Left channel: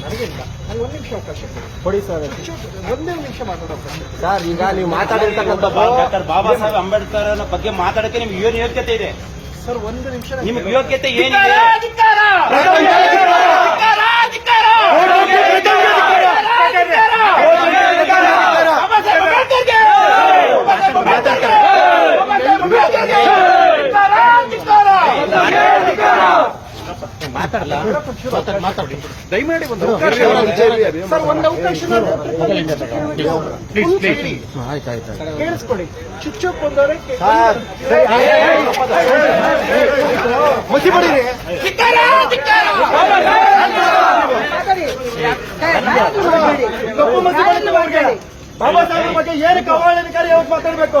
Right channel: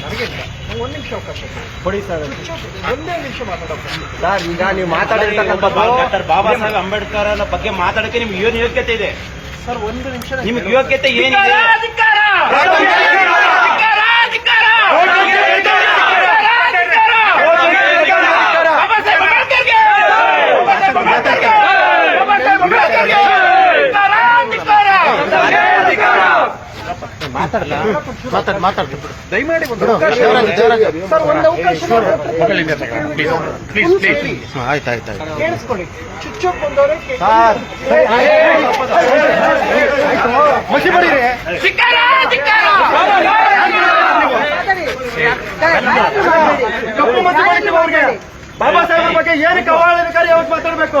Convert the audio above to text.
ನನಗಿಲ್ಲ ನಂಗೆ ಒಂದು ನಿಮಿಷ ಅವಕಾಶ ಕೊಡಿ. ಸರ್. ಒಂದೇ ನಿಮಿಷ ಮಾತಾಡೋಕೆ ಸರ್ ಈಗ ನೀವು ಮಾತಾಡಿರ್ತಕ್ಕಂಥ ಡಾಕ್ಟರ್ ಬಾಬಾ ಸಾಹೇಬ್ ಅಂಬೇಡ್ಕರ್ ಬಗ್ಗೆ ಮಾತಾಡಕ್ಕೆ ನಿಮ್ಗೆ ಏನು ಯೋಗ್ಯತೆ ಇದೆ? ಸರ್ ಒಂದು ನಿಮಿಷ ನಿಮ್ಗೆ ಯೋಗ್ಯತೆ ಏನಿದೆ ದಯಮಾಡಿ ಒಂದು ಅವಕಾಶ ಸರ್ ಒಂದು ಅವಕಾಶ ಆಯ್ತಾಯ್ತು ಕೇಳಿಸ್ಕೊಳ್ಳಿ ಚುಚ್ಚೋಕ್ ಬಂದವರೇ ಮುಸಿ ಬರೀರಿ ಕಪ್ಪು ಮಸಿ ಬರೀರಿ ಅವ್ರಿಗೆ. ಬಾಬಾ ಸಾಹೇಬ್ ಬಗ್ಗೆ ಏನಕ್ಕೆ ಅವಹೇಳನಕಾರಿ ಯಾವತ್ತು ಮಾತಾಡಬೇಕು